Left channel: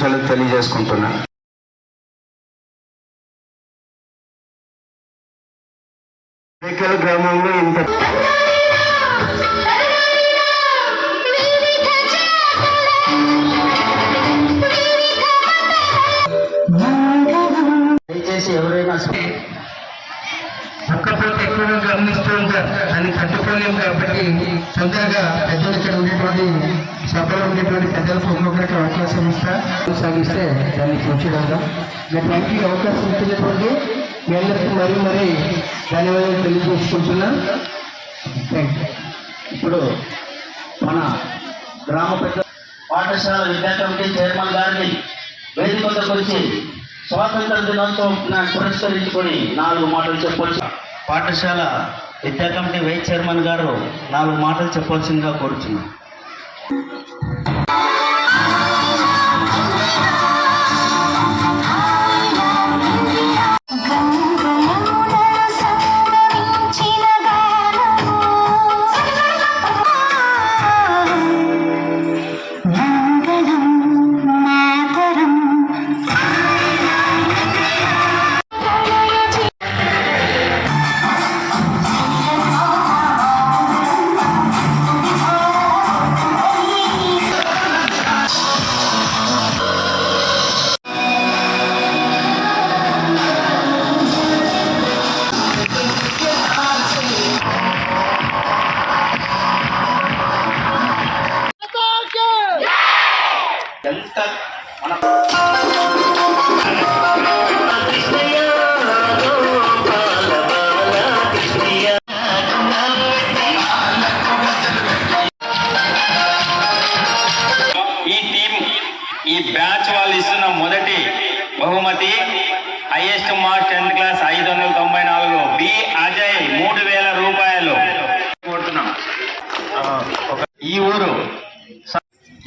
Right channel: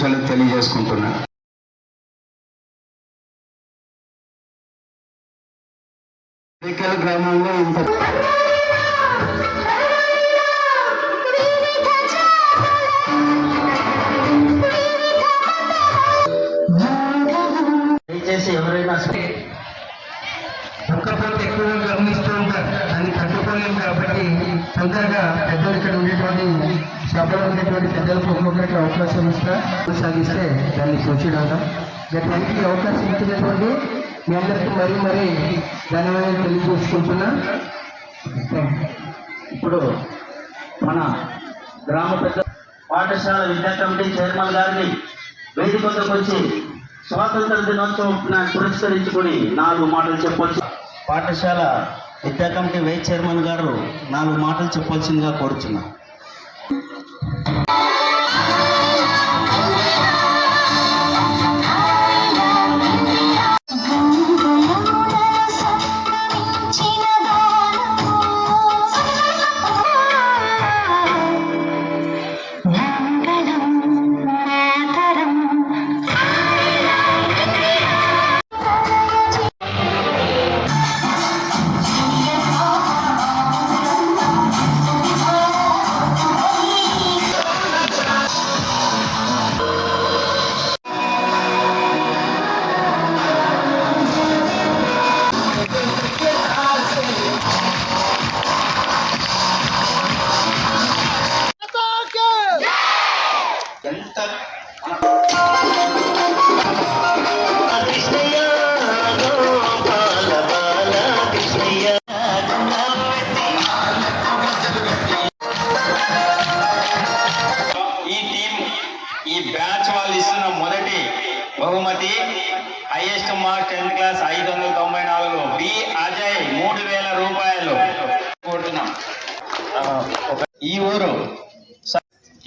శుభాకాంక్షలు తెలియజేసుకుంటున్నాను. గుడికల్ గ్రామంలో ఇంత దయచేసి ఎవరైనా ఒక్కపోతే ఎక్కువగా గమనిస్తూ ఉంటారు, దాన్ని కట్టుకోలేము. కాబట్టి తొందరగా పెద్దలు ఇక్కడ ఉండేటువంటి సభలో ఉండేటువంటి పెద్దలకు ఒక్కొక్కరికి అవకాశం సాగిస్తే దాన్ని కూర్చోరాగా గట్లకి అవకాశం ఇచ్చినటువంటి మీ అందరికీ మరీ ధన్యవాదాలు తెలియజేసుకుంటున్నా. ఇప్పుడు మన గ్రామ పెద్ద పాఠశాల విద్యా కమిటీ చైర్మన్ గారిని వేదిక వద్దకు వచ్చి స్వాతంత్ర దినోత్సవం పురస్కరించుకొని 4 మాటలు చెప్పవచ్చు. పాఠశాల విద్యా కమిటీ వైస్ చైర్మన్ గారు 4 మాటలు చెప్పవలసిందిగా కోరుచున్నాం. ఈ బ్యాచ్ వాళ్ళు ఇస్తున్న మొదటి బహుమతి highest mark 10th class 594, B Ajay 3000 రూపాయలు కోరుతున్నాం. ఈ ఊరు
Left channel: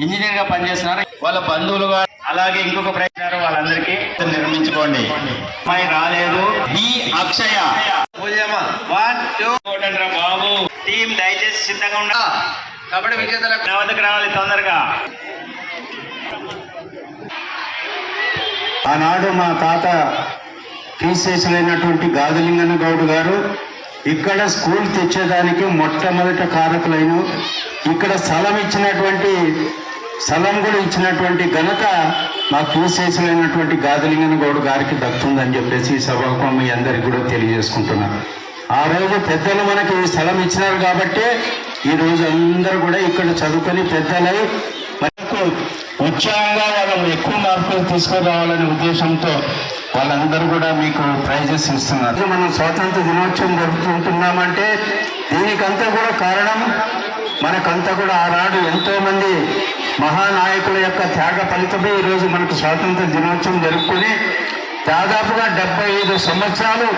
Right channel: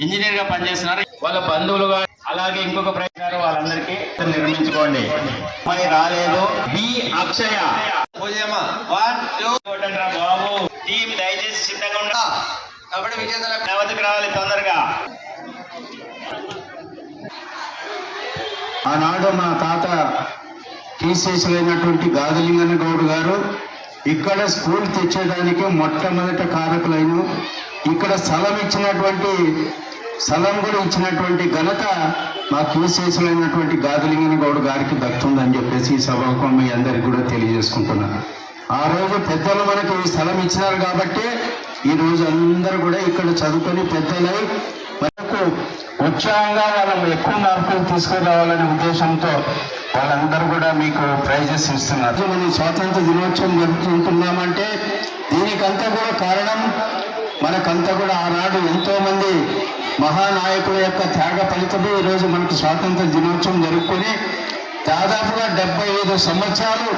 ఇంజనీర్ గా పనిచేస్తున్నారు, వాళ్ళ బంధువులుగా అలాగే ఇంకొక ప్రయత్నాలు వాళ్ళందరికీ నిర్మించుకోండి. అమ్మాయి రాలేదు. బి అక్షయ బాబు టీం దయచేసి సిద్ధంగా ఉండ. కబడ్డీ విజేతలకు నా వద్దకు రావాలి తొందరగా. ఆనాడు మా తాత టీసీసీలైనటువంటి గాదిలింగన్న గౌడ్ గారు ఇక్కడ స్కూల్ తెచ్చేదానికి మొట్టమొదట కారకులైన, ఇక్కడ స్థలం కూడా ఇచ్చినటువంటి ఘనత మా టీసీసీలైనటువంటి గాదిలింగన్న గౌడ్ గారికి దక్కుతుందని చెప్పేసి ఈ సభకు మీ అందరికీ కూడా తెలియజేసుకుంటున్నాను. ఆ రోజు పెద్దలు మనకి స్థలం ఇచ్చినారు కాబట్టి ఈరోజు అందరూ కూడా ఇక్కడ చదువుకొని పెద్దలై మనకు ఉత్సాహంగా వాళ్ళని ఎక్కువ మార్కులు తీసుకురావాలనే ఉద్దేశంతో వాళ్ళందరూ కూడా మీకు ప్రైజెస్ ఇస్తున్నారు. మనం స్వాతంత్ర దినోత్సవం జరుపుకుంటున్నామంటే దీనికంతా కూడా కారణం మనకంతా కూడా ఆనాడు ఎంతోమంది మహానాయకుల యొక్క త్యాగ ఫలితమే ఈరోజు మనకు స్వాతంత్ర దినోత్సవం జరుపుకొని దాదాపుగా 75 సంవత్సరాలు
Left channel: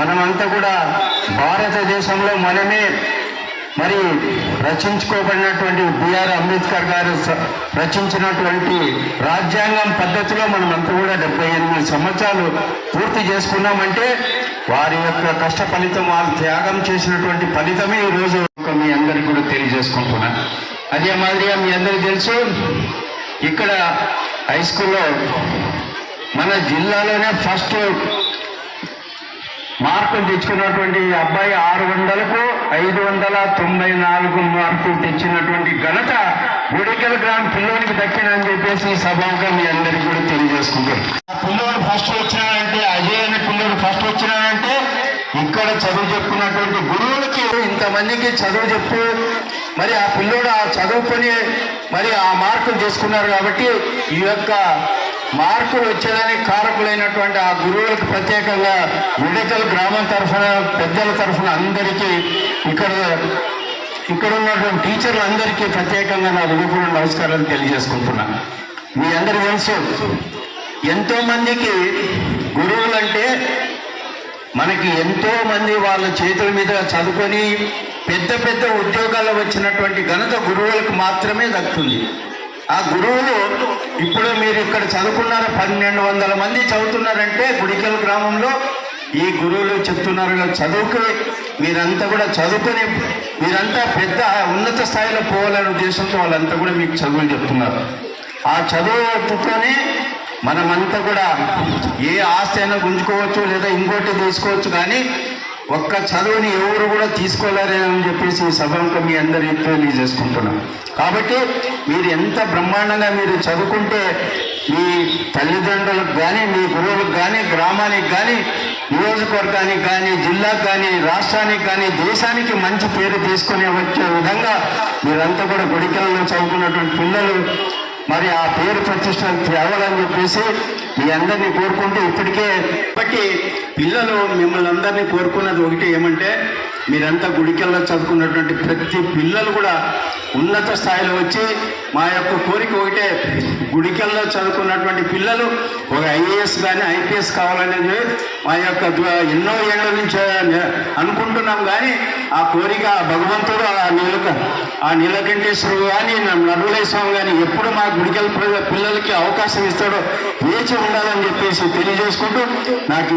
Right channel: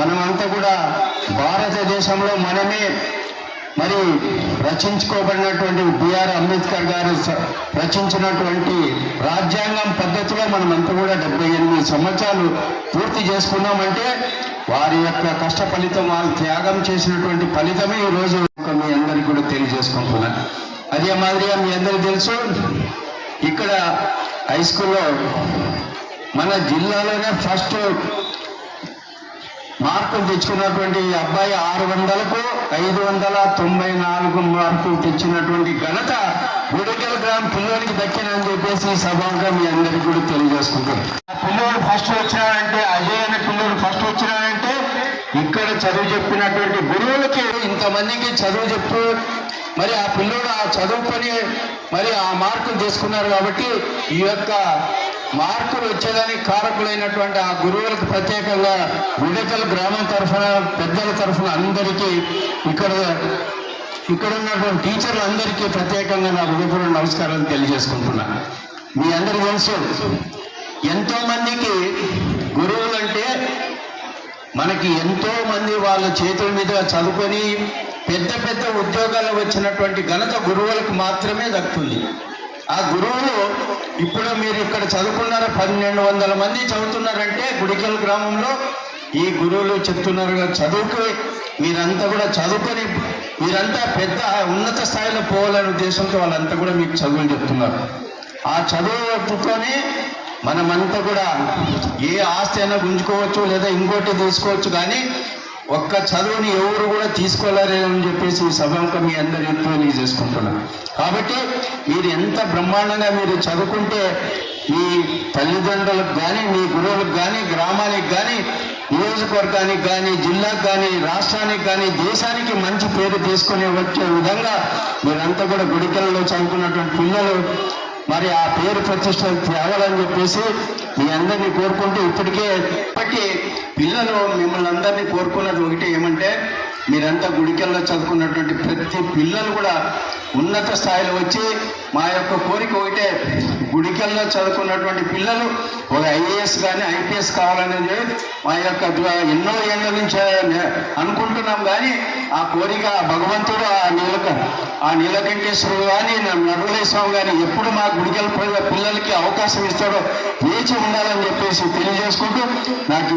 మనమంతా కూడా భారతదేశంలో మనమే మరి రచించుకోబడినటువంటి బిఆర్ అంబేద్కర్ గారు రచించినటువంటి రాజ్యాంగం పద్ధతిలో మనమంతా కూడా 78 సంవత్సరాలు పూర్తి చేసుకున్నామంటే వారి యొక్క కష్ట ఫలితం, వాళ్ళు త్యాగం చేసినటువంటి ఫలితమే ఈరోజు మీ అందరికీ కూడా తెలియజేసుకుంటున్నాను. అదే మాదిరిగా మీ అందరికీ తెలుసు, ఇక్కడ హై స్కూల్లో మన జిల్లాలోనే ఫస్ట్ మార్కులు తెచ్చుకున్నటువంటి అబ్బాయి 600కు 594 మార్కులు తెచ్చినటువంటి ఘనత గుడికల్ గ్రామ పిల్లోనికి దక్కినని చెప్పేసి ఈ సభగా మీ అందరికీ కూడా తెలియజేసుకుంటారు. పిల్లోడు ఫస్ట్ వచ్చినాడంటే, అజయ్ అనే పిల్లోడు ఫస్ట్ వచ్చినాడంటే ఇక్కడ చదువు చెప్పినటువంటి గురువులకి ఇంతమందికి చదువు చెప్పు మరి ఆ పిల్లోడు ఆ చదువుకొని మరి ఆ మార్కులు చేసుకున్నారు. కాబట్టి ఈ యొక్క మార్కులు వచ్చేదానికి కారకులైనటువంటి ఆ గురువులకు ప్రత్యేకంగా గుడికల్ గ్రామం తరఫున పెద్దల తరఫున అందరికీ ఇక్కడ ఉన్నటువంటి టీచర్లు అందరికీ ప్రత్యేకంగా నా హృదయపూర్వక నమస్కారాలు తెలియజేసుకుంటున్నాను. మీ అందరికీ తెలుసు, ఎంతోమందికి గురువులంటే మనకి ఎంతోమంది వాళ్ళ చేతుల మీద చదువుకొని పెద్ద పెద్ద ఉద్యోగాలు వచ్చినటువంటి ఘనత గురువులకు మాత్రమే దక్కుతుంది. ఆ గురువులు ఇప్పుడు మీరు ఇక్కడ చదువుకున్నారు, 1200 మంది చదువుతున్నారంటే గుడికల్ గ్రామంలో ఈ గురువులు చెప్తున్నారు చదువుకు మీరంతా కూడా చదువుకొని మీరంతా పెద్ద ఉన్నత స్థాయిలో పోవాలనే ఉద్దేశంతో వాళ్ళంతా కూడా మీకు చదువులు చెప్తున్నారు. ఆ చదువుతోనే మనమంతా కూడా ఏ ఆస్తి అయినా గుంజుకోవచ్చు లేదా ఇంకోటి తీసుకోవచ్చు, కానీ ఒక్క చదువుని ఎవరు కూడా తీసుకోలేరని చెప్పేసి ఈ సభకు మీ అందరికీ తెలియజేసుకుంటున్నాం. కాబట్టి మీరు ఎంత బ్రహ్మాండంగా మీరు చదువుకుంటే మీ తల్లిదండ్రులకు కానీ, మీ గురువులకు కానీ, గ్రామానికి కానీ, నియోజకవర్గానికి కానీ, జిల్లాకు కానీ, రాష్ట్రానికి కానీ, దేశానికి మంచి పేరు తీసుకునే వచ్చే విధంగా మీరంతా కూడా గుడికల్లో చదువుకున్నటువంటి పిల్లలు మరి ఆ పేరు ప్రతిష్టలు తేవాలని చెప్పేసి మీ అందరినీ కోరుకుంటూ ఇప్పటికే కాబట్టి పిల్లలు మిమ్మల్ని అందరినీ కోరుకున్నది ఒకటి ఏమంటే, మీరంతా గుడికల్లో చదువుకున్నటువంటి ప్రతి పిల్లలు కూడా ఉన్నత స్థాయిలో వచ్చి మా యొక్క కోరిక ఒకటే, గుడికల్లో చదువుకున్నటువంటి పిల్లలు ఒక ఐఏఎస్ కానీ ఐపీఎస్ కావాలనేది మా యొక్క ఎన్నో ఏళ్ళ నుంచి అనుకుంటున్నాం. కానీ ఆ కోరిక భగవంతుడు ఆ నీలకంఠేశ్వరుడు కానీ నరులేశ్వరం స్వామి కానీ ఎప్పుడు మా గుడికల్ పిల్లలకి అవకాశం ఇస్తాడో వేచి ఉండాలని చెప్పేసి తెలియజేసుకుంటూ నాకు